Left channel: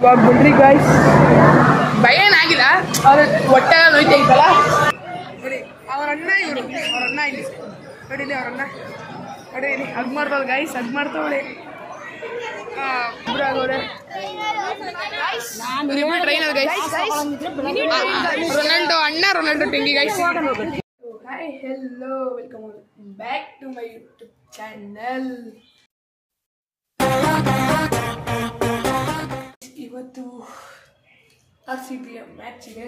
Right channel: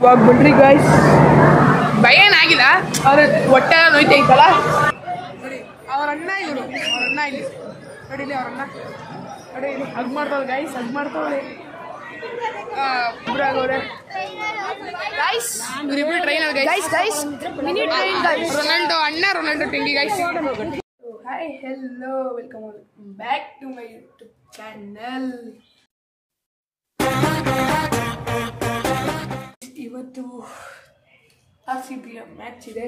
ಇವಾಗ ಬನ್ರಿ ಗಾಯ್ಸ್, ಭಯ ಏನಾಗಿಲ್ಲ, ಅವ್ರ ಹೊಟ್ಟೆ ನೋಯ್ತಾ ಇತ್ತಲ್ಲ ನೋಡಿ. ಅವ್ರ ಅಣ್ಣ ಇವರು, ಅವ್ರ ಅಣ್ಣ ಇಲ್ಲಿ ನೋಡಿಲಿ, ಅವ್ರ ಅಣ್ಣ ನೋಡಿ ಇಲ್ಲಿ ಹಗ್ ಮಾಡ್ತಾವ ಗಾಯ್ಸ್, ಹಗ್ ಮಾಡ್ತಾವಳೆ ಇಬ್ಬರಾಗವ್ರೆ. ಇವರಿಬ್ರು ಟ್ರೈನರ್ ಗೈಸ್, ರೊನಾಲ್ಡೋ ಅಣ್ಣ, ರೊನಾಲ್ಡೋ ಟೆಂಗಿ guys. Hi hello, welcome back to my YouTube channel. ಇವತ್ತು RCB ಮ್ಯಾಚ್ ಇದೆ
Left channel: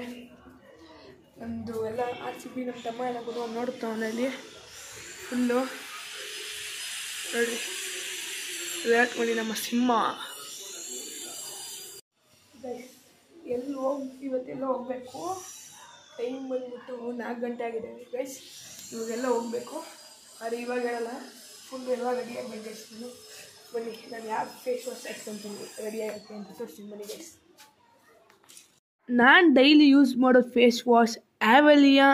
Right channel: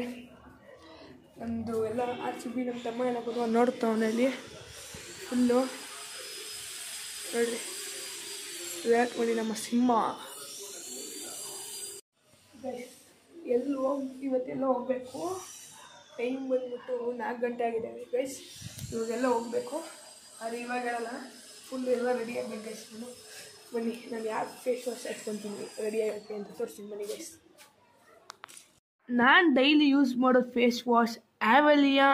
ನಮ್ಮದು. ಎಲ್ಲ RCB ನಮ್ಮ ತಮ್ಮ ಎಲ್ಲ ಕೂಡ ನೋಡ್ತಾವನಲ್ಲಿ ಫುಲ್ಲು ನೋಡ್ರಿ. ವಿರಾಟ್ ಕೊಹ್ಲಿ ನಮ್ಮ ಸಿಂಹ. ಇವತ್ತೆಲ್ಲ ಹೋಗ್ಬೇಕು. ಟೈಮ್ ಬಂದ್ಬಿಟ್ಟು 4 ಗಂಟೆ ಆಗಿದೆ ಗೈಸ್. ಇವಾಗೆಲ್ಲ ಹೋಗ್ಬೇಕು. ಆದರೆ ಇವಾಗ ಹೇಳಲ್ಲ, ಫುಲ್ ಎಲ್ಲ ರೆಡಿ ಆಗಬೇಕು ಗೈಸ್. ಬನ್ನಿ, ನಾನು ಯಾವ ಫೇಸ್ ವಾಶ್ ಹಾಕ್ಕೊತೀನಿ ರೆಡಿ ಆಗುತ್ತೆ ಅಂತ ತೋರಿಸ್ತೀನಿ ಬನ್ನಿ ಗೈಸ್. ನಾನು ಡೈಲಿ ಯೂಸ್ ಮಾಡೋ ಫೇಸ್ ವಾಶ್ ಆ್ಯವೆಲಿಯಾ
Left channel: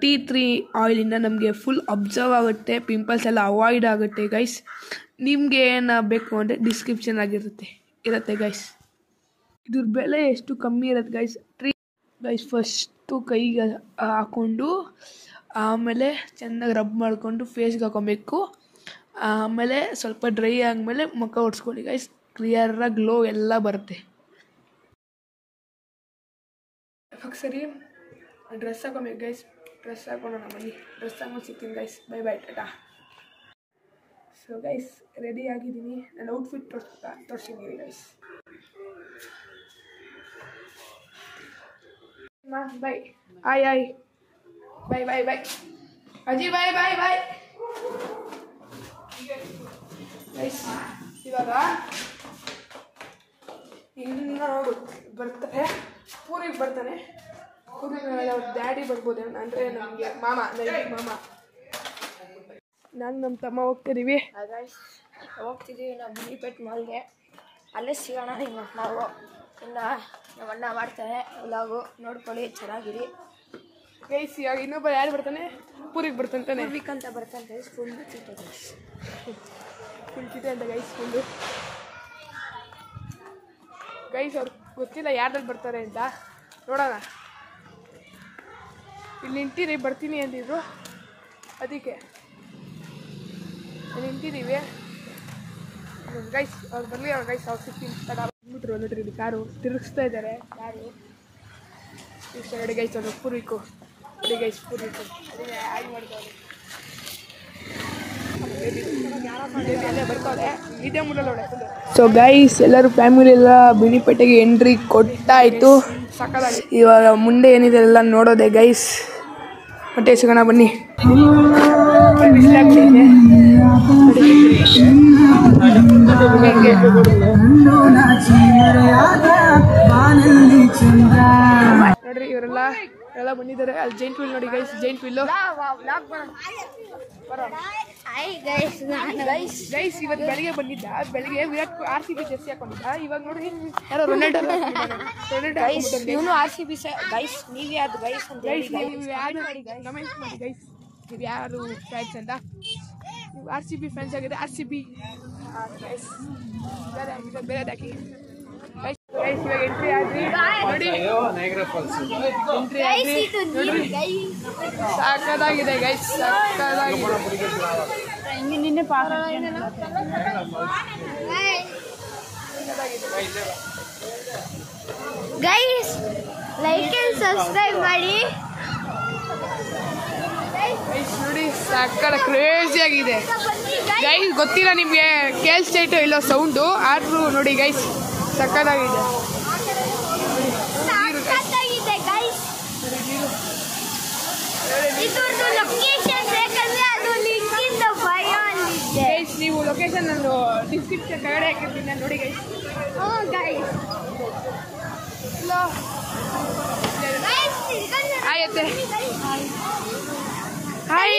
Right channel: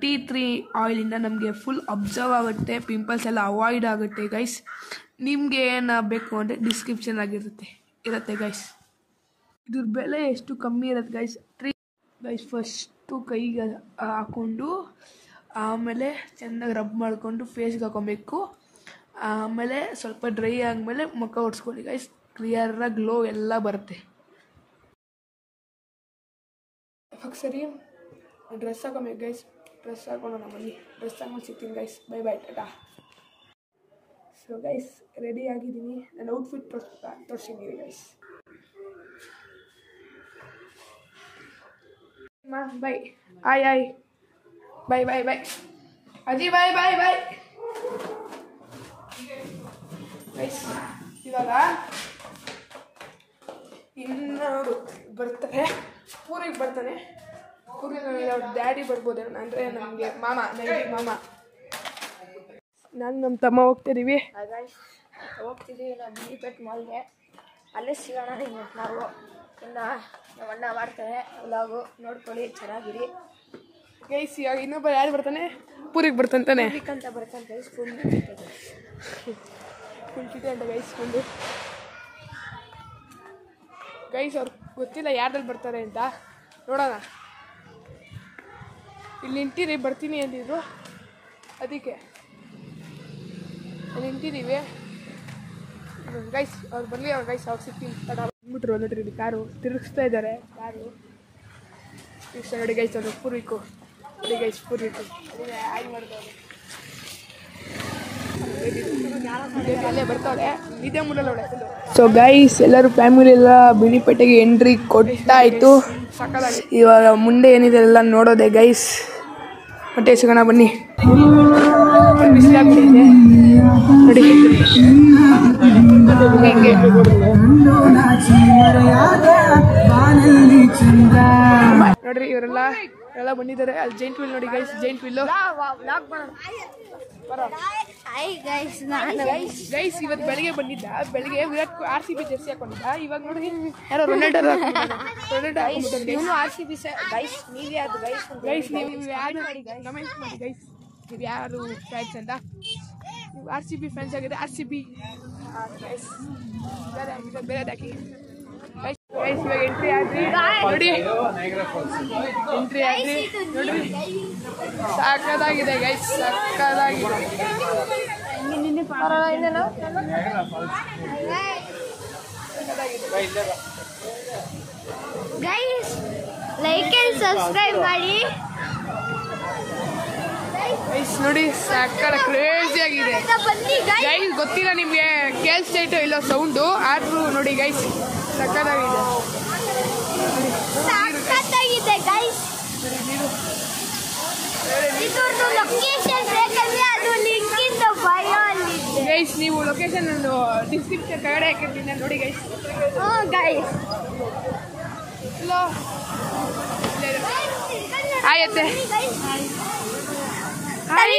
T3 ಆಯಿಲಿಂದ ನಮಗೆ ಫುಲ್ ಅಬ್ಸರ್ವ್ ಆಗುತ್ತೆ, ಪಿಂಪಲ್ಸ್ ಎಲ್ಲ ಅವಾಯ್ಡ್ ಆಗುತ್ತೆ ಗೈಸ್. ನಿಮಗೆ ಏನು ಬೇಕು ಅಂದರೆ ಡಿಸ್ಕ್ರಿಪ್ಷನ್ ಇರುತ್ತೆ ಗೈಸ್. ಇದ್ರ ಬೆಲೆ ಎಷ್ಟು ಕಮ್ಮಿ ಇರುತ್ತೆ ಗೈಸ್. ಗೈಸ್ ಫಸ್ಟು ಕೈಗೆ ಹಾಕ್ಕೊಂಡು ಆಮೇಲೆ ಚೆನ್ನಾಗಿ ರಬ್ ಮಾಡಿಕೊಂಡು ಫೇಸ್ಗೆ ಹಾಕೊಬೇಕು. ಆಮೇಲೆ ಸ್ವಲ್ಪ ಡ್ರೈ ಆದಮೇಲೆ ಮುಖ ಒರೆಸ್ಕೊಳ್ಳಿ ಗೈಸ್. ಕ್ಲಿಯರಾಗಿ ಗ್ಲೋ ಎಲ್ಲ ಬರುತ್ತೆ. ಇವಾಗ ಸರಿ ಡ್ರೆಸ್ ಹಾಕೊಬೇಕು ಗೈಸ್. ಡ್ರೆಸ್ ಹಾಕೊಳ್ಳೋಣ ಬನ್ನಿ. ಡ್ರೆಸ್ ಹಾಕೊಂಡು ಸಿಗ್ತೀನಿ guys. Bye bye, tata. So guys ready ಆಗಿದ್ದೀನಿ. ನಾನು ಔಟ್ಫಿಟ್ ತೋರಿಸಿದ್ದೀನಿ ಗೈಸ್. ಬೈ ಆಯ್ ಬೈ ಬೈ ಬೈ ಅಜ್ಜಿ, ಬೈ ಬೈ ಬೈ ಗೈಸ್. ಇವಾಗ ಇನ್ನು ಬರ್ತಾರೆ, ಪೂರಿಗೆ ಬರ್ತಾನೆ. ಪೂರಿಗೆ ಅವ್ರ ಡ್ಯಾಡಿ ಬರ್ಬೋದು ಅಂದರೆ ನಮಗೆ ಮಾಮ, ನಾನು ನಮ್ಮ ತಮ್ಮ ಹೋಗ್ತಿದ್ದೀವಿ ನಾವು ಬಿಳಿಪೇಟ್ ಮಾಲ್ಗೆ. ಅಲ್ಲೇ ಸಿಗೋಣ. ನಾವು ಇನ್ನು ನಮ್ಮ ಅಣ್ಣ ಮಾಡ್ತಾರೆ ವ್ಲಾಗು, ನೋಡ್ಕೊಳ್ಳಿ, ಚೆನ್ನಾಗಿರಿ ಗೈಸ್. ಇವಾಗ ಇನ್ನೊಬ್ಬ ಯಾರು ಬರ್ತಾನೆ, ಪೂರಿಗೆ ಬರ್ತಾನೆ ಅಂತ ಬರ್ತಾನೆ ಫುಲ್ ತಿಂತಿದೆ ಅಂತ ಗೈಸ್. ಫುಲ್ಲು ಗೈಸ್ ಅವ್ರಿಗೆ ಗೊತ್ತಿಲ್ಲ ಯಾರ್ದಲ್ಲಿ ಬರ್ತಾರೆ ಅಂತ. ನೋಡೋಣ. ಇಲ್ಲಿ ನಿಂತೀರಿ, ಬರ್ತೀನಿ ಅಂದಿದ್ರು, ಅದಕ್ಕೆ ನಿಂತಿದ್ದೀವಿ ಗೈಸ್. ಅವ್ರು ಬರಲಿ ಅವ್ರು ಗೈಸ್. ಅವ್ರು ಸಿಗ್ತೀನಿ ತಡ ಬಂದ್ಬಿಟ್ರು. ನೋಡ್ರಿ ಇಲ್ಲಿ ಕಾರು ತಿರುಗಿಸ್ತಾ ಇದ್ದಾರೆ. ಕಾರು ಇಷ್ಟ ನೋಡಿ ಗೈಸ್. ಅವರು ಪೂರ್ವಿಕು ನೋಡಿ ಗೈಸ್, ಪೂರ್ವಿಕು ಅದೇ ಆಗಿ ಮಾಡ್ತಾರೆ. ಅಲ್ಲೇ ಬರ್ತಾವೆ, ಇದೇ ಮುಡಲ್ಲ ಒಳ್ಳೆ. ಸೊ ಗೈಸ್ ಎಲ್ಲರೂ ಫ್ಯಾಮಿಲಿ ಎಲ್ಲ ಬಿಳಿಪೇಟೆಗೆ ಎಂಟ್ರಿ ಕೊಟ್ಟಾಯಿತು. ಇವಾಗ ಮುಂದೆ ಏನಿದೆ ಎಲ್ಲ ನೋಡೋದೆ ಗೈಸ್. ಮತ್ತೆ ಸಿಗೋಣ ಬನ್ನಿ. ನೋಡ್ರಿ ಇವರೆಲ್ಲ ಬಂದಿದ್ದಾರೆ. ಅಲ್ಲಿ ಜೈಂಟ್ ವೀಲ್ ನೋಡಿ ಗೈಸ್, ಜೈಂಟ್ ವೀಲು ಗೈಸ್. ಇವತ್ತು ಬೆಳಿಗ್ಗೆ ಬಂದಿದ್ದ, ಬೆಳಿಗ್ಗೆ ವಿರಾಟ್ RCB ಜೆರ್ಸಿ ಹಾಕೊಂಡಿದ್ದ. ಇವಾಗ ನೋಡಿ ಯಾರೋ ರೊನಾಲ್ಡೋ ಇವನು RCB ಗೈಸ್. ನೀವೇ ಅದು ಗೈಸ್ ಅಂತ ಗೈಸ್, ನೀವು ಯಾರು ಕಮೆಂಟ್ ಮಾಡಿ ಗೈಸ್, ನೀವು ಯಾರು ಫ್ಯಾನ್ಸ್ ಅಂತ. ನೀವು RCB ಫ್ಯಾನ್ಸ್ ಆಗಿದೆ, RCB ಗೈಸ್. ಬೇರೆದಾಕಿ ಗೈಸ್. ಇವಾಗ ಎಂಟ್ರಿ ಆದ್ರಿ ನೋಡಿ, ಎಂಟ್ರಿ ಆದ್ರಿ ನೋಡ್ರಿ. ಸಕ್ಕದಾಗಿದೆ ಗೈಸ್, ಸಕ್ಕದಾಗಿದೆ. ಗೈಸ್ ಲೈಕ್ ಅಂಡ್ ಸಬ್ಸ್ಕ್ರೈಬ್ ಮಾಡಿ ಗೈಸ್. ನೋಡಿ ಸಕ್ಕದ ಕ್ರೇಜಿ ಆಗಿದೆ ಗೈಸ್. ಗೊತ್ತಿಲ್ಲ ನಿಮಗೆ ಕೇಳಿಸ್ತೈಟೋ ಇಲ್ಲೋ ಸೌಂಡು, ಆದ್ರೂ ನೋಡಿ ಗೈಸ್ ಸಕ್ಕದಾಗಿದೆ. ನೋಡಿ ನೀರು ಗೈಸ್, ನೋಡಿ ನೀರು. ಗೈಸ್ ನೀವು ಲೊಕೇಶನ್ ನಾನು ಡಿಸ್ಕ್ರಿಪ್ಷನ್ ಕೆಳಗಡೆ ಹಾಕಿರ್ತೀನಿ, ನೋಡಿ ಗೈಸ್. ಹಲೋ ಆಯತ್ತೆ. Hi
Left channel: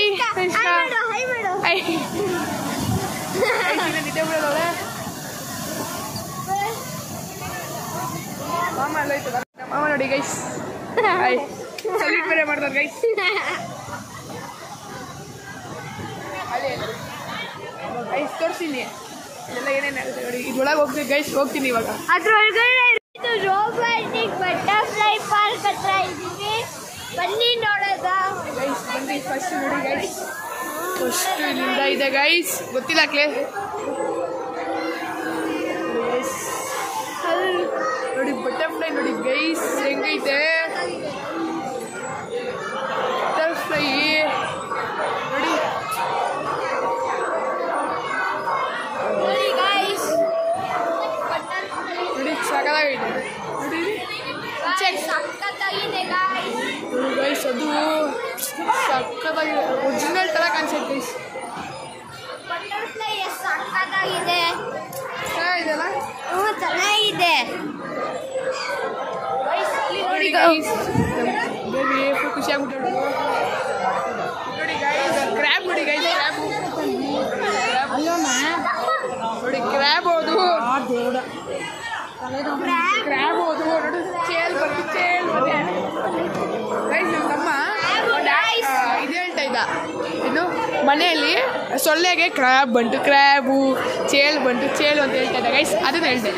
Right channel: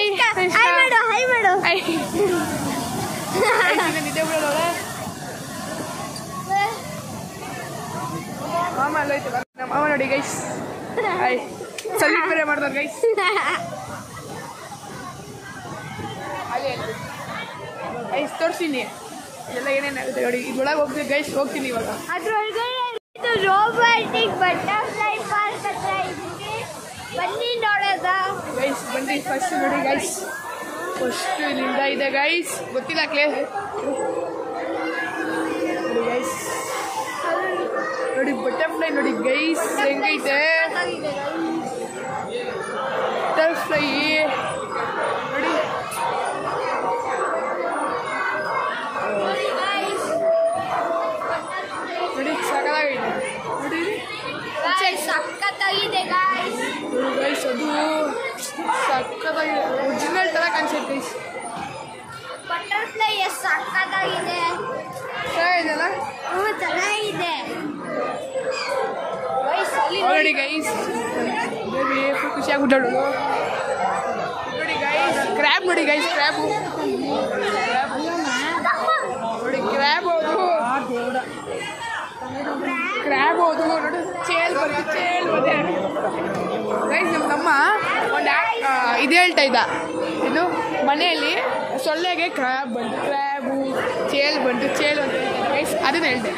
hi. ನಿದ್ದೆ ಬಿಡೋದವಳೆ ಮಾಮ ಅಲ್ಲೋಯ್ತು. ಮಾಮ ನೋಡಿ ಗೈಸ್, ಹಾಯ್. ಸಲ್ಯೂಟ್ ಬೇರೆ ಮಾಡ್ತಾರೆ ಗೈಸ್. ಅಲ್ಲಿ ಗೈಸ್ ತೋರಿಸಿನಿ. ಇದೆಲ್ಲ ಏನೇನಾಗುತ್ತೆ ನೋಡಿ. ಇದ್ರೊಳಗೆ ಹೋಗ್ತೀವಿ ಗೈಸ್, ಹೋಗ್ತೀನಿ ಇವಾಗ. ಅದ್ರೊಳಗಡೆ ರೋಬೋಟಿಕ್ ಬಟರ್ಫ್ಲೈ ಪಾರ್ಕ್ ಹತ್ರ ಇದ್ದೀವಿ, ಬನ್ನಿ ನೋಡೋದ ಗೈಸ್. ಬನ್ನಿ ಫಸ್ಟ್ ನೋಡಿ ಗೈಸ್, ಫಸ್ಟ್ ಇಲ್ಲಿಂದ ಇದೆ ಗೈಸ್, ಗೊತ್ತಿಲ್ಲ ಕ್ಲೇಸ್ ನೋಡಿ ಗೈಸ್. ನೋಡಿ ಬಟರ್ಫ್ಲೈ ನೋಡಿ ಗೈಸ್ ಹೆಂಗೈತೆ ಬಟರ್ಫ್ಲೈ ನೋಡಿ. ನೋಡಿ ಸಕಲಾಗೈತೆ ನೋಡಿ ಗೈಸ್, ಅದು ಸಕ್ಕತ್ತಾಗಿದೆ, ಒರಿಜಿನಲ್ ಥರ ಕಾಣಿಸುತ್ತೆ ಗೈಸ್. ಬಟರ್ಫ್ಲೈ ಎಷ್ಟು ಸಕ್ಕತ್ತಾಗಿದೆ, ಚೆನ್ನಾಗಿದೆಲ್ಲ. ಚೆನ್ನಾಗಿದೆ ನೋಡಿ ಗೈಸ್, ಬೇಬಿ ಫುಲ್ ಖುಷಿಯಾಗ್ಬಿಟ್ಟು ನೋಡಿ ಗೈಸ್. ಕ್ರ್ಯಾಬ್ ನೋಡಿ ಗೈಸ್, ಕ್ರ್ಯಾಬ್ ನೋಡಿ, ಕ್ರ್ಯಾಬ್ ಹೌದು, ಕ್ರ್ಯಾಬ್ ಹೌದು ನೋಡಿ. ಚೇಲ್ ಬಂತು ಗೈಸ್. ನಮ್ಮ ಒಂದು ಇದು ಹೇಳ್ತಾ ಇದ್ದ, ಏನು ಮನೆಯಲ್ಲಿ ಸೊಳ್ಳೆಗೆ ಕ್ರ್ಯಾಬ್ ಬಂತು, ಕ್ರ್ಯಾಬು ಚೇಲ್ ಬಂತು, ಚೇಲು ಅಂತ ಹೇಳ್ತಾ ಇದ್ದ ಗೈಸ್, ಅದನ್ನ ಹೇಳ್ದೆ.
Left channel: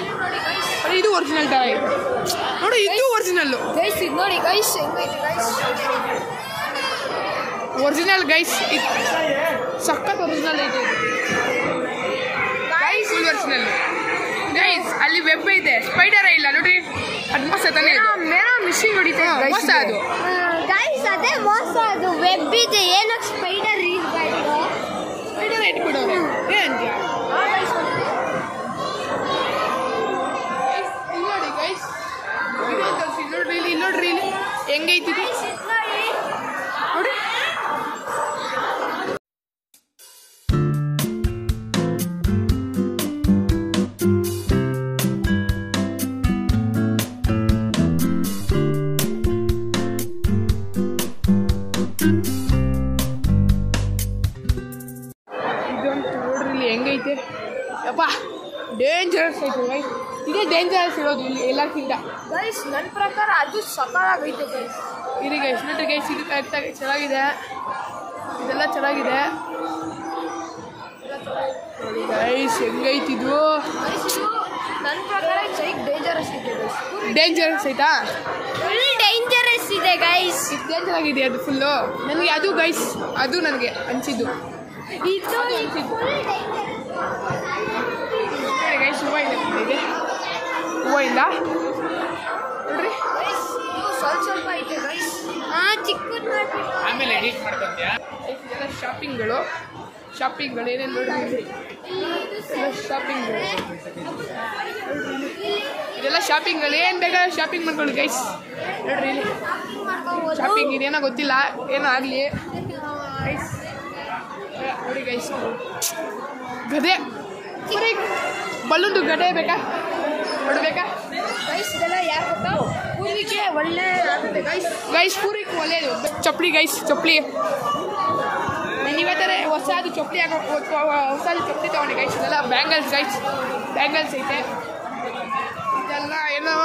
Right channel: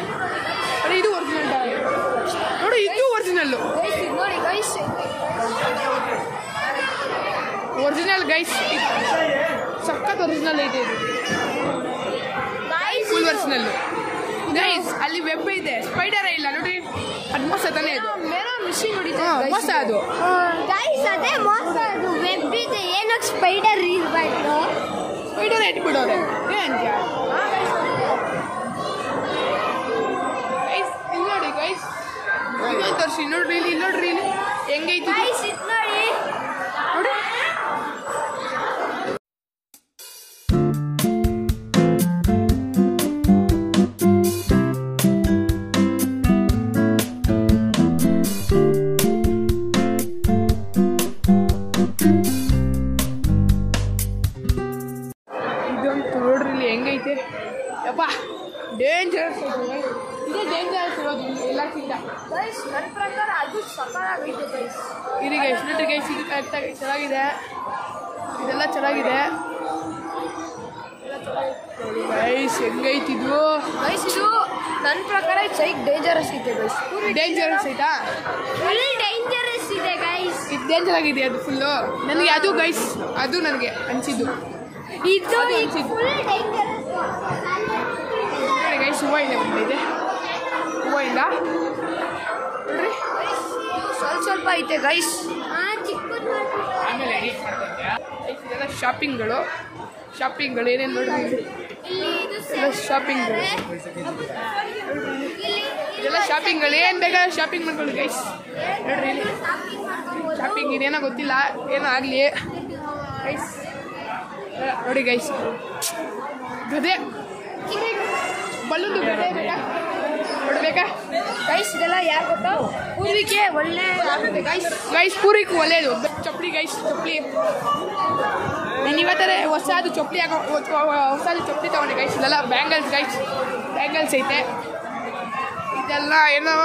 ನೋಡಿ ಇದು ಒರಿಜಿನಲ್ ತರ ಇದೆ ನೋಡಿ, ಇದು ಒರಿಜಿನಲ್ಲು ಗೈಸ್. ಇದು ನೋಡಿ ಗೈಸ್, ಒರಿಜಿನಲ್ ಗೈಸ್, ಸಖತ್ ಒರಿಜಿನಲ್ ಐತೆ ಇದು ಫುಲ್ ಒರಿಜಿನಲ್ ಗೈಸ್. ಅಲ್ಲಿ ವೆಬ್ ಐತೆ, ಸ್ಪೈಡರ್ ಇಲ್ಲ ನೋಡಿ, ಅದು ಮೋಸ ತಾನೇ ಅದು, ಮಿಷಿನ್ ಹೊಡಿತ ಮೋಸ ಅದು ಗೈಸ್. ಅದೇ ಮೋಸ, ಅದು ವೆಬ್ ಇದೆ, ಏನಕ್ಕೆ ಸ್ಪೈಡರ್ ಇರಬಾರ್ದು, ಸ್ಪೈಡರ್ ಇಟ್ಬಿಡೋರೆ ಏನು ನೋಡಿ ಗೈಸ್. ಇನ್ನೊಂದು ತೋರಿಸಿ ನೋಡ್ರಿ, ಇಲ್ಲಿ ನೋಡ್ರಿ, ಇಲ್ಲಿ ಹೆಂಗೈತಿ ನೋಡಿ. ಇದಂತೂ ನೋಡ್ರಿ ಇಲ್ಲಿ ಹೆಂಗೈತೆ, ಯಪ್ಪ ಡೇಂಜರಸ್ ಐತೆ. ಇದೇ ಡೇಂಜರಸ್ ಇರೋದು ಇಲ್ಲಿ ಎಲ್ಲಕ್ಕಿಂತ ಗೈಸ್. ನನ್ನ ಪ್ರಕಾರ ಅದು ಸಕಾಲಾಗೈತೆ ಗೈಸ್. ಇಲ್ಲಿ ಗೈಸ್ ನೋಡ್ರಿ ಗೈಸ್, ಇದು ಕರೆಕ್ಟಾಗಿ ಚೆನ್ನಾಗಿದೆ, ಇದೆಲ್ಲ ಚೆನ್ನಾಗಿದೆ ನೋಡಿ ಗೈಸ್ ಹೆಂಗೈತಿದು. ಗೈಸ್ ಇದು ನನ್ನ ಪ್ರಕಾರ ಸೈಕ್ ಡೇಂಜರಸ್ ಇದೆ ಗೈಸ್. ಡೇಂಜರಸ್ ಐತಾ? ಫುಲ್ ಡೇಂಜರಸ್ ಇದೆ ಗೈಸ್. ಇದು ಡೇಂಜರ್ ಆಗಿದೆ ಅದು ಫುಲ್ಲು ನನಗೆ. ಅದು ಗೈಸ್, ಅದು ನನಗೆ ಅನಿಸಿದ್ದು, ಇದು ಅನಿಸಿದ್ದು ಫುಲ್ ಡೇಂಜರಸ್ ನೋಡಿ ಗೈಸ್. ಹೂವು ಇಲ್ಲ, ಇದೆ ಹೂವು ಇಲ್ಲ ನೋಡ್ರಿ, ಸ್ವಲ್ಪ ಐತೆ ಗೈಸ್. ಚಿಕ್ಕದು ಆಮೇಲೆ ಎಡಿಟ್ ಮಾಡ್ಕೊಂಡ್ಯಾ. ಇದೆಲ್ಲ ಶಾಪಿಂಗ್ಗಳು ಏನೇನು ನೋಡ್ರಿ, ಎಲ್ಲ ಶಾಪಿಂಗ್ಗಳು, ಇದೆಲ್ಲ ಶಾಪಿಂಗ್ಗಳು, ಏನು ಬೇಕಾದ್ರೆ ಶಾಪಿಂಗ್ ಮಾಡ್ಕೊಳ್ಳಿ ಗೈಸ್. ನೋಡ್ರಿ ಇಲ್ಲಿ ಶಾಪಿಂಗ್, ಇದೇನೋ ಗೊತ್ತಿಲ್ಲ, ಏನೋ ಆಗಲಿ ಗೈಸ್. ನೋಡಿ ಗೈಸ್, ಗದೆ ಬಲ್ಲುಂದು ಗದೆ ಬೇಕಾ ನೋಡ್ಬೇಕಾ ಗೈಸ್. ಇದೆಲ್ಲ ಯಾರು ಗೊತ್ತಾ, ಪೂರ್ವಿಕೆ ಒಳ್ಳೆ ಆಗುತ್ತೆ ಗೈಸ್. ಗೈಸ್ ಪೂರಿಗೆ ಒಳ್ಳೇದು ಚಪ್ಪಲಿ ಗೈಸ್, ಚಪ್ಪಲಿ ನೀವತ್ತರ ಹೊಸದು ಚಪ್ಪಲಿ ಹೊಸದು ಚಪ್ಪಲಿ ತಗೊಂಡೆ ಗೈಸ್. ಇದೆಲ್ಲ ಬ್ಯಾಂಗಲ್ಸ್ ಗೈಸ್, ಬ್ಯಾಂಗಲ್ಸ್ ಐತೆ. ಇದೆಲ್ಲ ಏನೋ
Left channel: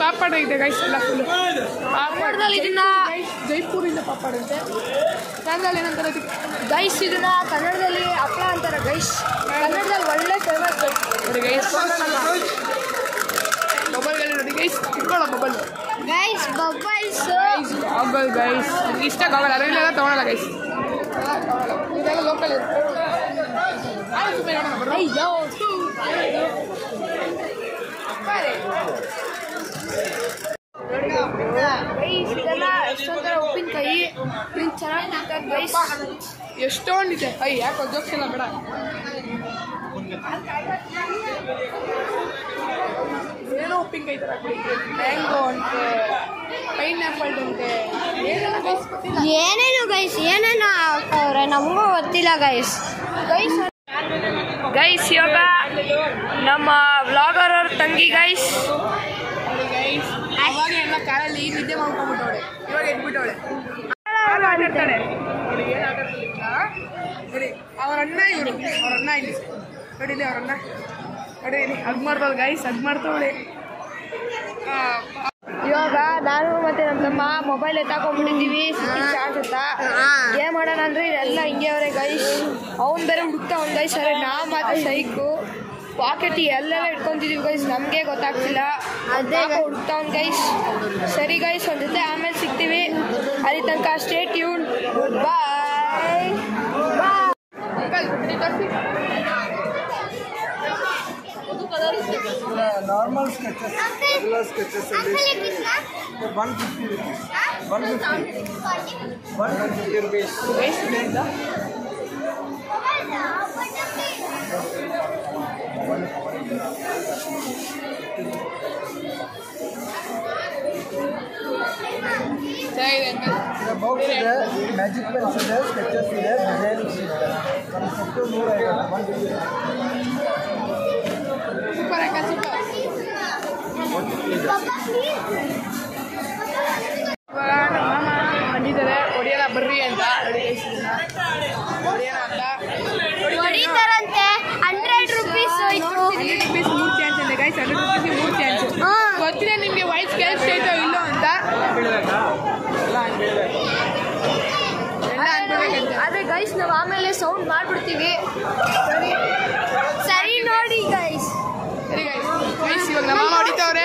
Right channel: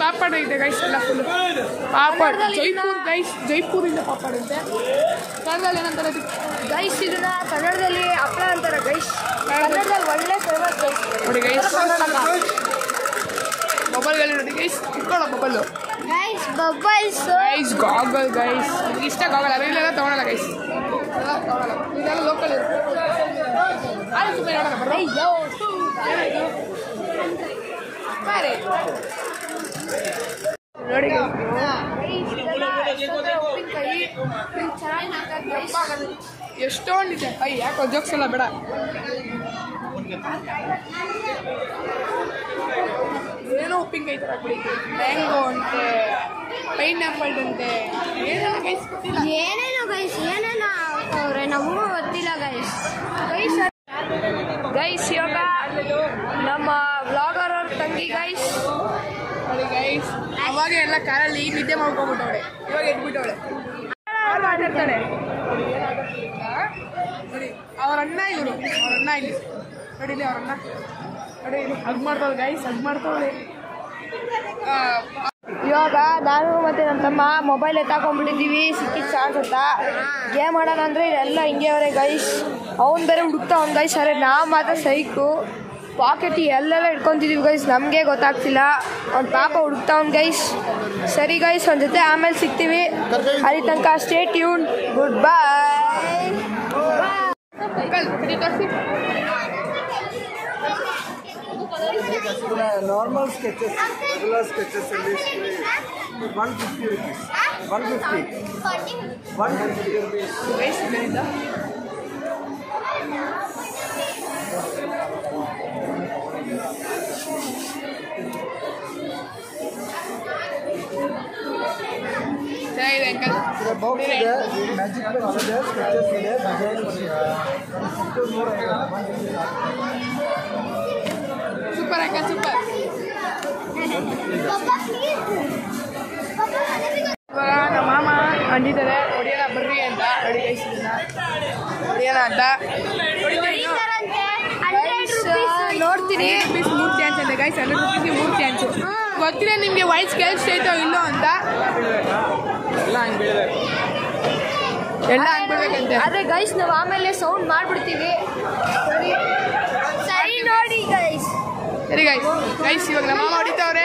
ಪಾಪಡು ಇದೆ ಗೈಸ್, ಎಲ್ಲ ಫುಲ್ಲು ಪಾಪಡ್ ಗೈಸ್. ಜೈಪುರಿಂದ ಪಾಪಡ್ ಅಂತೆ, ಕನ್ನಡದಲ್ಲಿ ಏನಂತಾರೆ ಅದಕ್ಕೆ ಗೈಸ್? ಇದನ್ನ ಕನ್ನಡದಲ್ಲಿ ಹಪ್ಪಳ ಅಂತಾರೆ ಗೈಸ್. ಕನ್ನಡದಲ್ಲಿ ಒಳ್ಳೆ ಫೇಮಸ್ ಗೈಸ್. ನೋಡಿ ಗೈಸ್, ಮೊಬೈಲ್ಗಳು ನೋಡಿ ಗೈಸ್, ಇಟ್ಕೊಳ್ಳೋ mobile guys. Bubbles guys, goggle guys, ನಿಮ್ಗೆ ಇಷ್ಟ ಗಾಗಲ್, ಅದರಲ್ಲೆಲ್ಲ ತೊಗೊಳಲ್ಲ ಗೈಸ್, ತೊಗೊಳಲ್ಲ, ಇದೆಲ್ಲ ಲೋಕಲ್ ಇರುತ್ತೆ. ನೋಡಿ ಉಪ್ಪಿನಕಾಯಿ ಚೆನ್ನಾಗಿ ಗೈಸ್. ಎಷ್ಟೊಂದಿದೆ. ಯಾಕೋ ಜೋಕ್ಸ್ ಎಲ್ಲ ಬೇಡ. ಏನೋ ಉಪ್ಪಿನಕಾಯಿ ಥರ ಮ್ಯಾಂಗೋ ಅಂತೆ, ಪೈನಾಪಲ್ ಅಂತೆ, ಏನೇನೋ ಗೈಸ್ ಗೊತ್ತಿಲ್ಲ. ಏನೇನು ಗೈಸ್, ಏನೇನು ಅವ್ರೆ ನಮಗೂ ಗೊತ್ತಿಲ್ಲ ಗೈಸ್. ಗೈಸ್ ಇವಾಗ ನಮ್ಮ ವ್ಲಾಗರ್ ಅವ್ರ ತಂಗಿ ಗೈಸ್. ನೋಡಿ ಗೈಸ್, ಅವಾಗ ಎಲ್ಲ ಕಾರಲ್ಲಿ ನಿದ್ದೆ ಮಾಡ್ಕೊಂಡ್ಬಿಟ್ಟವಳೆ, ಇವಾಗ ಎದ್ಬಿಟ್ಟವಳೆ, ಆಟ ಆಟಾಡ್ತಾಳೆ. ನೋಡಿ ಏನು ಆಟ ಆಡ್ತಾಳೆ ನೋಡಿ, ಅವ್ರ ಅಣ್ಣ ಇವರು, ಅವ್ರ ಅಣ್ಣ ಇಲ್ಲಿ ನೋಡಿಲಿ, ಅವ್ರ ಅಣ್ಣ ನೋಡಿ ಇಲ್ಲಿ ಹಗ್ ಮಾಡ್ತಾವಳೆ ಗೈಸ್, ಹಗ್ ಮಾಡ್ತಾವಳೆ. ಇವಾಗ ನಾನು ಮತ್ತು ನಮ್ಮ ತಮ್ಮ ಮೊಬೈಲ್ ಎತ್ತಾಕೊಂಡ್ಬಿಟ್ಟಿದ್ದೀವಿ ಚಾರ್ಜ್ ಅಂತ ಗೇಮ್ ಆಡೋಣ ಅಂದರೆ ಎಲ್ಲ ಹಿಂಗೆ ಅವರೇ ಗೈಸ್. ಅವ್ನು ಬೇರೆ ಹುಡುಕ್ತಾವ್ನು ಗೈಸ್. ಅರೆ ನಾವು ಮಾತ್ರ ಸೈಕು ಪಾಕೆಟ್ ಎಲ್ಲೆಲ್ಲ ಇಟ್ಕೊತಿದ್ದೀವಿ ಗೈಸ್. ನಮಗೆ ಗೊತ್ತಾಗ್ತಿಲ್ಲ. ಅವ್ನು ಪಾಪ ಹುಡುಕ್ತಾವ್ನು ಗೈಸ್. ಸರಿ ಗೈಸ್, ಒಂದು ಜೊತೆ ಆಮೇಲೆ ಸಿಗ್ತೀವಿ. ಅಲ್ಲಿ ತನಕ stay tune. Good bye. Normal sketches, regular sketches in this way. 150 rupees. 150 rupees. Guys ಇದರಿಂದ ಚೆನ್ನಾಗಿದೆ ಅಂಕಲ್. The box ಇದೆ, magic pens ಇದೆ, sketches ಇದೆ, design ಸೂಪರ್ ಅಂಕಲ್ ಸೂಪರ್. ಇವಾಗ ನಮ್ಮ ಮಾಮ ಅಂದಿದ್ದಾರೆ ಹೊಡಿಯೋಣ ಬರ್ರಿ ಅಂತ. ನೋಡಿ ಗೈಸ್ ಇದನ್ನ ಹೊಡಿಯೋಣ ಅಂತ ಹೊಡಿತೀವಿ. 100 rupees 3 ಚಾನ್ಸ್ ಅಂತೆ ಗೈಸ್. 100 rupees 3 chance. ಗೊತ್ತಿಲ್ಲ ನಿಮಗೆ ವಾಯ್ಸ್ ಕೇಳಿಸ್ತೈತೋ ಇಲ್ಲೋ ಅಂತ. ಎಲ್ಲ ಅನ್ಬೇಕಂತೆ. ಆದರೆ ಗೈಸ್ ನಾವು ಆಮೇಲೆ ಸೌಂಡ್ ಮಾಡಿಬಿಡ್ತೀವಿ. ಸರಿ ನೋಡಿ ಗೈಸ್. ಸರಿ ಗೈಸ್. ಗೈಸ್ ಇವಾಗ ನಮ್ಮ ಮಾಮ ಹೊಡಿತಾವ್ರೆ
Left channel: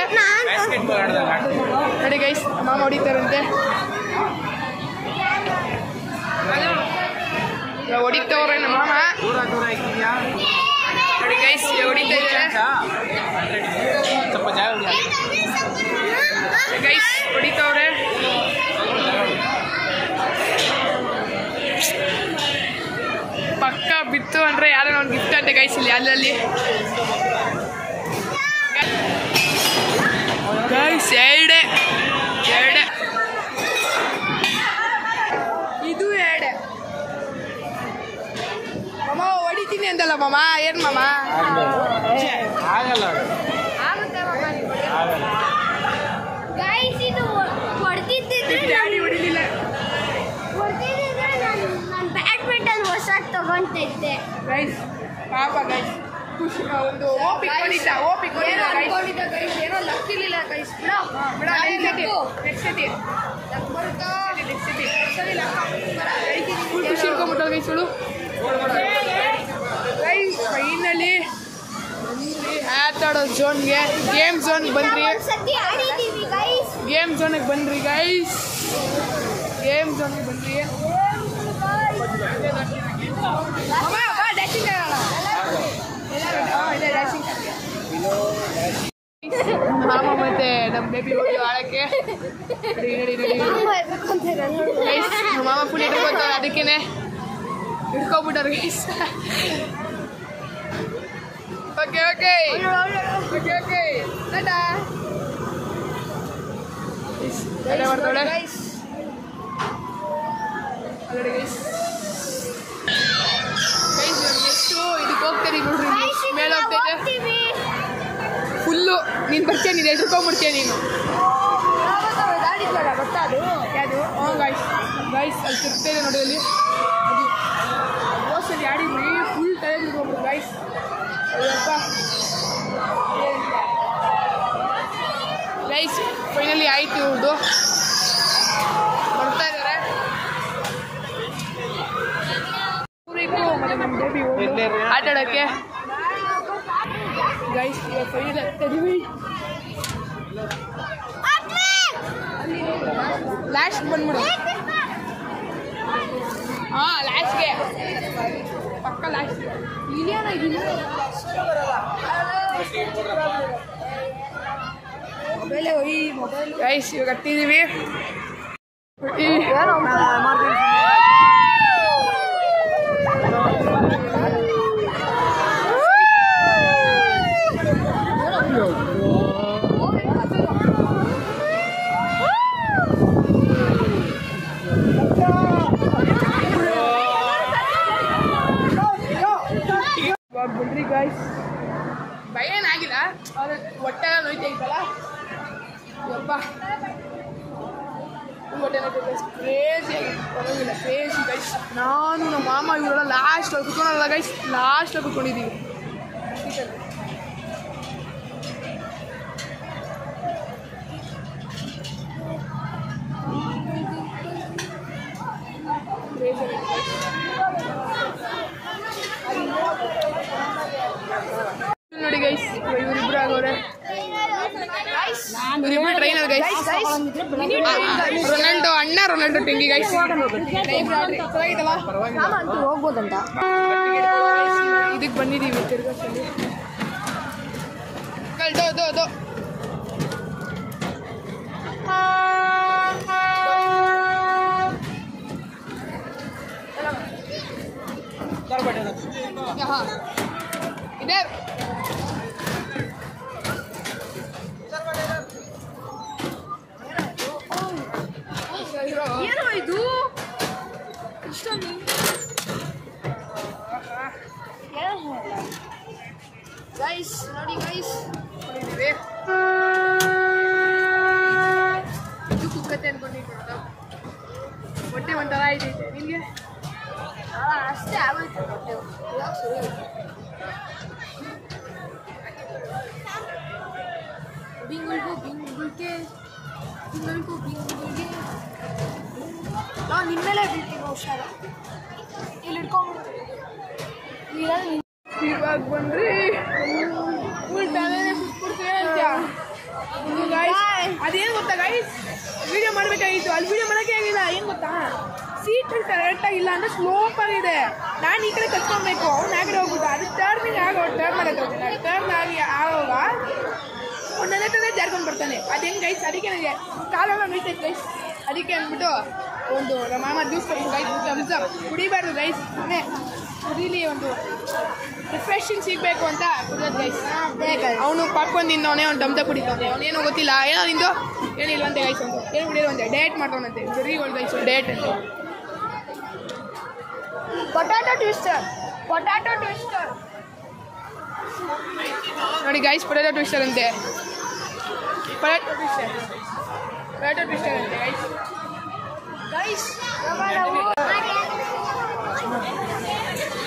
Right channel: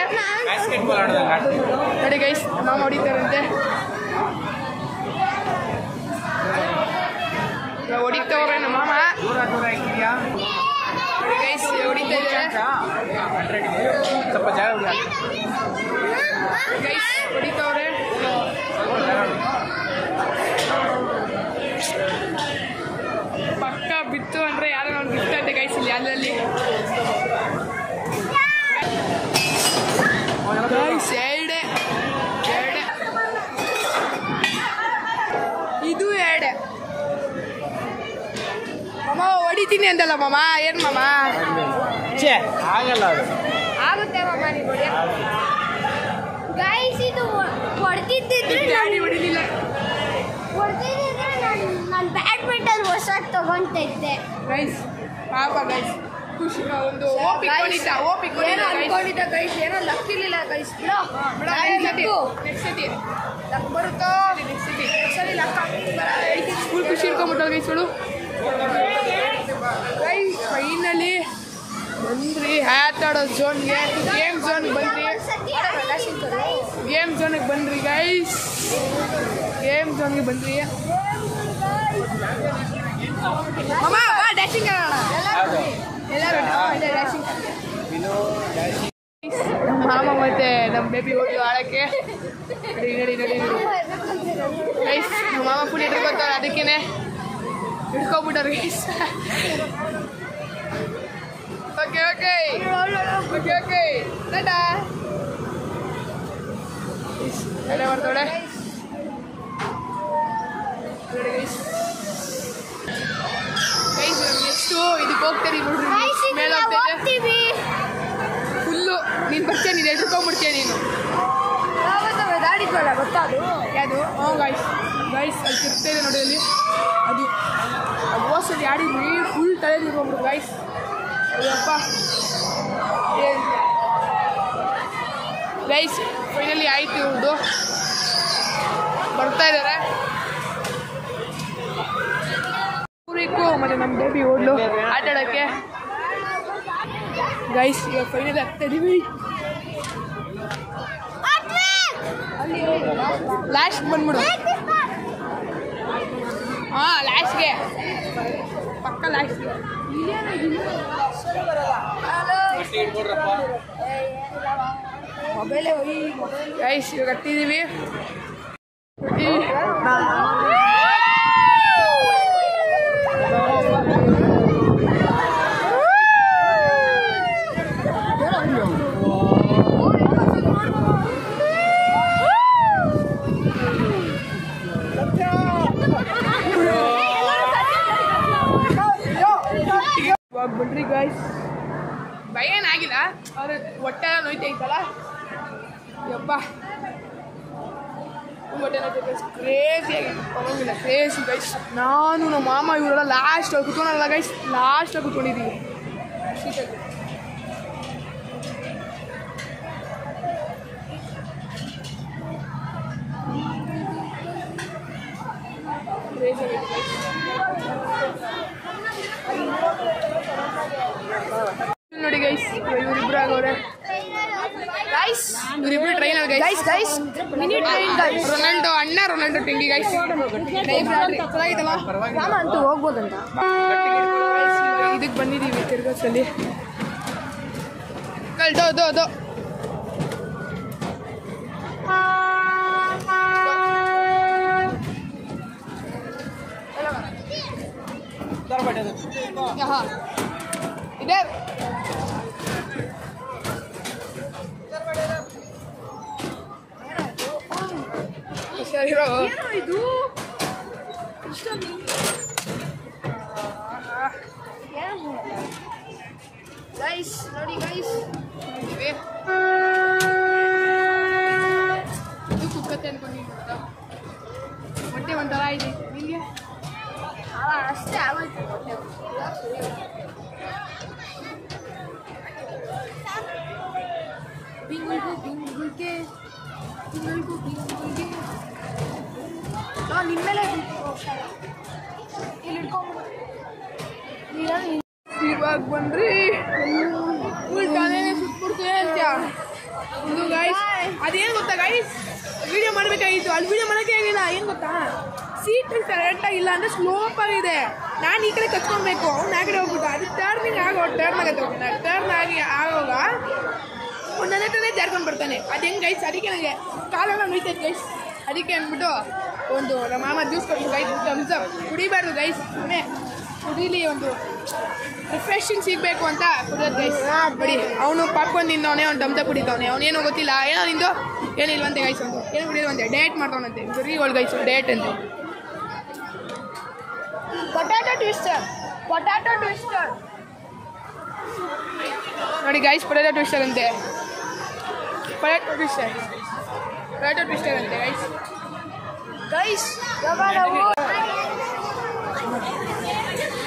ನೋಡಿ ಗೈಸ್. ನಮ್ಮ ಮಾಮ ಹೊಡಿತಾರಂತೆ. ಇವಾಗ ಹೊಡಿತಾವ್ರೆ ನಮ್ಮ ಮಾಮ ನೋಡಿ ಗೈಸ್. ಹೊಡಿತಾ ಇದ್ದಾರೆ ಗೈಸ್. ಹೊಡಿತಾವ್ರೆ ಪಕ್ಕ ಬಿತ್ತು ಅಂದ್ರೆ ಯಾರೋ ಒಂದು ಗಿಫ್ಟ್ ಅಂತೆ ಗೈಸ್. ಇಲ್ಲಿ ಅಲ್ಲಲ್ಲಿ ಗೈಸ್ ಎರಡೆ ಇದು ಎರಡೆ. ಮಾಮ ಹೊಡಿತೀನಿ ಅಂತಲ್ಲ ಮಾಮ. ಏನ್ ಮಾಮ ಆಗಲ್ಲ ಅದು. ಗೈಸ್ ಇದು ಹೊಡೆದಿದ್ದಿದ್ರೆ ಡ್ಯಾಡಿ ಹೊಡಿಲಿಲ್ಲ. ನಾನು ಬ್ಯಾಡ್ಮಿಂಟನ್ ಹೊಸ ತಗೊಂತಿದ್ದೆ ಗೈಸ್ ಪಾಪ ಗೈಸ್. ಖುಷಿ ಒಂದು ಓಪಿಕೊಂಡಿದ್ದ ಗೈಸ್. ಏನೋ ಲಕ್ ಇರಲಿಲ್ಲ ಗೈಸ್. ಬಿಡ ನೆಕ್ಸ್ಟ್ ಸತಿ ಬರುತ್ತೋ ಫುಲ್ ಖುಷಿ ಇಟ್ಕೊಂಡ್ಬಿಟ್ಟು ಗೈಸ್ಗಳು. ಗೈಸ್ ಫೈನಲಿ ಬಂದ್ರಿ ಆಟಾಡೋ ಝೋನ್ಗೆ. ಗೇಮ್ ಝೋನ್ಗೆ ಬಂದ್ರಿ. ಗೇಮ್ ಝೋನಿಗೆ ಬಂದ್ರಿ ಗೈಸ್. ಗೇಮ್ ಝೋನ್ಗೆ ಬಂದ್ರಿ. ನಮ್ಮ ಮಾಮ ಮತ್ತೆ ನಮ್ಮ ಬೇಬಿ ಹೋಗಿ ಆಡಕ್ಕೆ ನಡಿ ಗೈಸ್. ನಮ್ಮ ಮಾಮ ಫುಲ್ ಇಟ್ಕೊತಾರೆ ಅದಕ್ಕೇನೆ ಹಿಡ್ಕೊಬಿಟ್ಟಾರೆ ಗೈಸ್. ಓಕೆ ಟಾಟಾ. ಅಲ್ಲೇ ಬರ್ತಾಳೆ ಅಲ್ಲಡೆ ಗೈಸ್. ಗೈಸ್ ಎಷ್ಟು ಇದಕ್ಕೆ ಹೋಗ್ತೇನೆ ನೋಡ್ರಿ. ಮೇಲೆ ಹೋಗ್ತೈತೆ ಫುಲ್ಲು. ನೀನು ಬರ್ತೀಯ, ನೀನು ಎದ್ರುಕೊಂಡ್ಬಿಡ್ತೀಯ ನೀನು. ಗೊತ್ತಾದು ಯಾವುದು? ಹಾಂ ಗೈಸ್ ಅಲ್ಲಿ ತಿರ್ತಾ ಇದೆ ನೋಡಿ. ಅಲ್ಲಿ ಅದು ಓಸಲ್ಲಿ ಆಡಿದ್ರಿ ಫುಲ್ ತಲೆ ತಿರ್ಕೊಂಡ್ಬಿಡು ಗೈಸ್. ಅಯ್ಯಪ್ಪ ಗೈಸ್ ಫೈನಲಿ ಆಯ್ತು. ಇವ್ರದ್ದು ಬರ್ತಾ ಇದ್ದಾರೆ ಊರಿಗೂ ಮತ್ತು ನಮ್ಮ ಬೇಬಿ ಓಡ್ಲು ಆಟ ಆಡೋಕ್ಕೆ ಗೈಸ್. ಇವಾಗ ಫೈನಲಿ ಆಗ್ತಾ ಇದೀವಿ. ಲಾಸ್ಟ್ ಬಂದ್ಬಿಡು. ಹಾಂ ಲಾಸ್ಟ್ಗೆ ಪಕ್ಕ ಲಾಸ್ಟ್ಗೆ. ಗೈಸ್ ಇವಾಗ ಹತ್ತಿದ್ದೀವಿ. ಬಿಡ್ರಿ ಗಾಯ್ಸ್. ಭಯ ಏನಾಗಿಲ್ಲ, ಅವ್ರ ಹೊಟ್ಟೆ ನೋಯ್ತೈತಲ್ಲ ಯಪ್ಪ ಹೊಟ್ಟೆ ನೋಯ್ತೈತೆ. ಕ್ರೇಜಿಯಾಗಿ ಪರವಾಗಿಲ್ಲ, ಕ್ರೇಜಿ ಗೈಸ್. ನಾನು ನಮ್ಮ ಮಾಮ ಇವರೆಲ್ಲ ಲಾಸ್ಟ್ ಕುತ್ಕೊಳಲ್ಲ ಗೈಸ್, ಲಾಸ್ಟ್ ಕುತ್ಕೊಂಡಿದ್ದೀವಿ. ಕ್ರೇಜ್ ಆಗಿದೆ ನೋಡಿ ಗೈಸ್ ಇವರಿಬ್ರು ಆಗವ್ರೆ ಇವರಿಬ್ರು ಟ್ರೈನರ್ ಗೈಸ್ ರೊನಾಲ್ಡೋ ಅಣ್ಣ ರೊನಾಲ್ಡೋ ಟೆಂಗಿ ಗೈಸ್ ಅಂತೂ ಹೋಗ್ಬೋದಂತ ಇದಕ್ಕೆ ಬಂದಿದ್ದೀವಿ ತಿರ್ಗಸಲ್ಲಿ इधर ಗೈಸ್ ನೋಡಿ ಗೈಸ್ ಇದು ಕುಕ್ಕತ್ತೆ ಅನ್ಕೊಂಡಿದ್ದು ಹೊಟ್ಟೆ ಒಂಥರ ಐತೆ ನಿಮಗೆ ಅಷ್ಟೇ ಆಗೋಯ್ತು ಬಿಂಗುಲ್ಗೆ ನಾವು ನಿಮ್ಮೇಲೆ ಇರ್ತೀವಿ ಹುಷಾರ ಇಲ್ಲಿ ಇಟ್ಕೊಂಡ್ಬಿಡ್ತೀವಿ ಇವಾಗ ಬಂದ್ರಿ ಉಲ್ಟಾನೆ ಸುತ್ಬಿಡ್ತೀವಿ ಇದು ಗೈಸ್ ಅದೇನು ಗೊತ್ತಾ ಗೈಸ್ ವಿಡಿಯೋ ಮಾಡಬೇಕಾಗಿತ್ತು ಅಲ್ಲಿ ವಿಡಿಯೋ ಮಾಡೋಕ್ಕೆ ಆಗಿಲ್ಲ ಏನು ಗೊತ್ತಾ ಸೀಟ್ ಕರೆಕ್ಟಾಗಿ ಇಲ್ಲ ಅಂದರೆ ಸ್ಲೋಪ್ ಆಗಿದೆ ನಾನು ಈ ಕಡೆ ಕತ್ಕೊಬೇಕು ಅವ್ನು ಆ ಕಡೆ ಹೋಗ್ಬಿಟ್ಟು ಅದು ಟರ್ನಿಂಗ್ ಟರ್ನ್ ಆಗತ್ತೆ ಹೋಗ್ತಾನೆ ಟರ್ನ್ ಆಗಿ ಆಗೋವಾಗ ಒಂದನೇ ತಂದೆ ಜಾರ್ಕೊಂಡು ಬರ್ತಾನೆ ಅದು ಹೆಂಗೆ ಗೈಸ್ ಅದಕ್ಕೆ ನನಗೆ ಕಾಲೋಗ ನಿಲ್ತೈತೆ ಗೈಸ್ ಅದಕ್ಕೆ ಅಂದ್ಬಿಟ್ಟು ಒಂದು ನಮ್ಮ ಮಾಮ ಜ್ಯೂಸ್ ಕೊಟ್ಟು ಗೈಸ್ ಥಮ್ಸಪ್ ಕುಡಿಬಾರ್ದು ಗೈಸ್ ಮನೆ ಕುಡೀಲಿ ಒಂದು ರಿಫ್ರೆಶಿಂಗ್ ಸಿಗಬೇಕು ಅಂತ ಕುಡಿಯೋದು ಗೈಸ್ ಅವನು ಪಾಪ್ಕಾರ್ನ್ ತಿಂದವನೇ ಅವ್ನು ಥಮ್ಸಪ್ ಕುಡಿತವನೆ ಅವನೇನು ಗೊತ್ತಿಲ್ಲ ಏನೋ ನಿಂದು ಏನಿಲ್ವಂತೆ ಗೈಸ್ ಅಂತ ಏನು ಕುಡಿಯೋದಂತೆ ಡೇಟ್ ಮಾಡ್ತಾವಂತೆ ಬರೀ ಒಳ್ಳೆ ಗೈಸ್ ಡೇಟ್ ಅಂತ ಪೊಟ್ಯಾಟೊ ಟ್ವಿಸ್ಟರ್ ನೋಡಿ ಗೈಸ್ ಪೊಟ್ಯಾಟೊ ಟ್ವಿಸ್ಟರ್ ಅಂತೆ ಪೊಟ್ಯಾಟೊ ಟ್ವಿಸ್ಟರ್ ಅಂತೆ ಗೈಸ್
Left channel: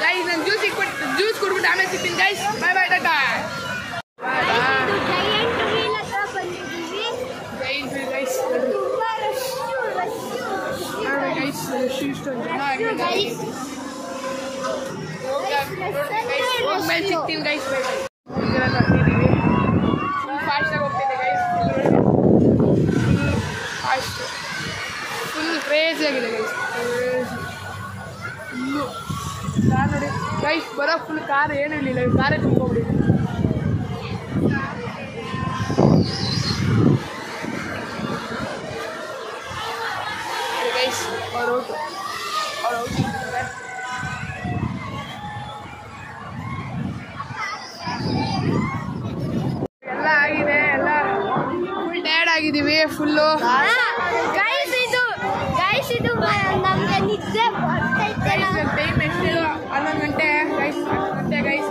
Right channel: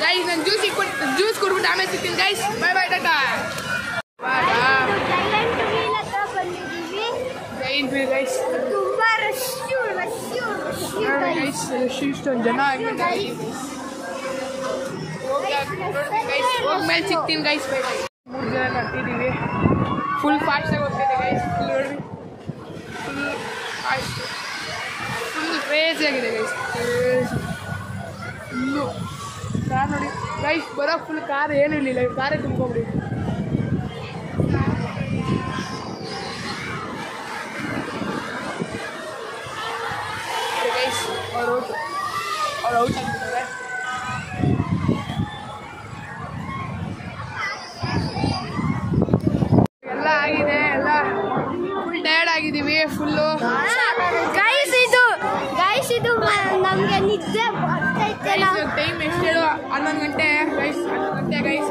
ಗೈಸ್ ನಾನು ಜ್ಯೂಸ್ ಕುಡ್ಬಿಟ್ಟು ಆಮೇಲೆ ಸಿಗ್ತೀನಿ guys bye bye Tata guys guys ಇಷ್ಟೊಂದು ಜನ ಹೋಗ್ಮೇಲೆ ಸಿಗ್ತೀನಿ ಗೈಸ್ ಬೈ ಬೈ 3 ಜನ ನಡ್ತಿದ್ದೀವಿ ಫುಲ್ ಫಾಸ್ಟಾಗಿ ಹೋಗ್ತಿದೆ ಗೈಸ್ ಫುಲ್ ಕ್ರೇಜಿ ಆಗಿದೆ ಗೈಸ್ ಫುಲ್ಲು ಕಾರ್ ನೋಡಿ ಗೈಸ್ ಬರೋ ಫುಲ್ ಕಾರ್ ಏನೂ ಇರಲಿಲ್ಲ ಕಾರೇ ತುಂಬ್ಕೊಬಿಡಿ ಗೈಸ್ ಅವ್ರು ಔಟ್ ಎಲ್ಲ ಆಗಿದೆ ಎಲ್ಲ ಫುಲ್ ಟಯರ್ಡ್ ಆಗಿದ್ದೀವಿ ಫುಲ್ಲು ನಮಗೆ ನಿದ್ದೆ ಟೈಮ್ ಎಷ್ಟು 11 ಗಂಟೆ ಗೈಸ್ 11 ಗಂಟೆ ಗೈಸ್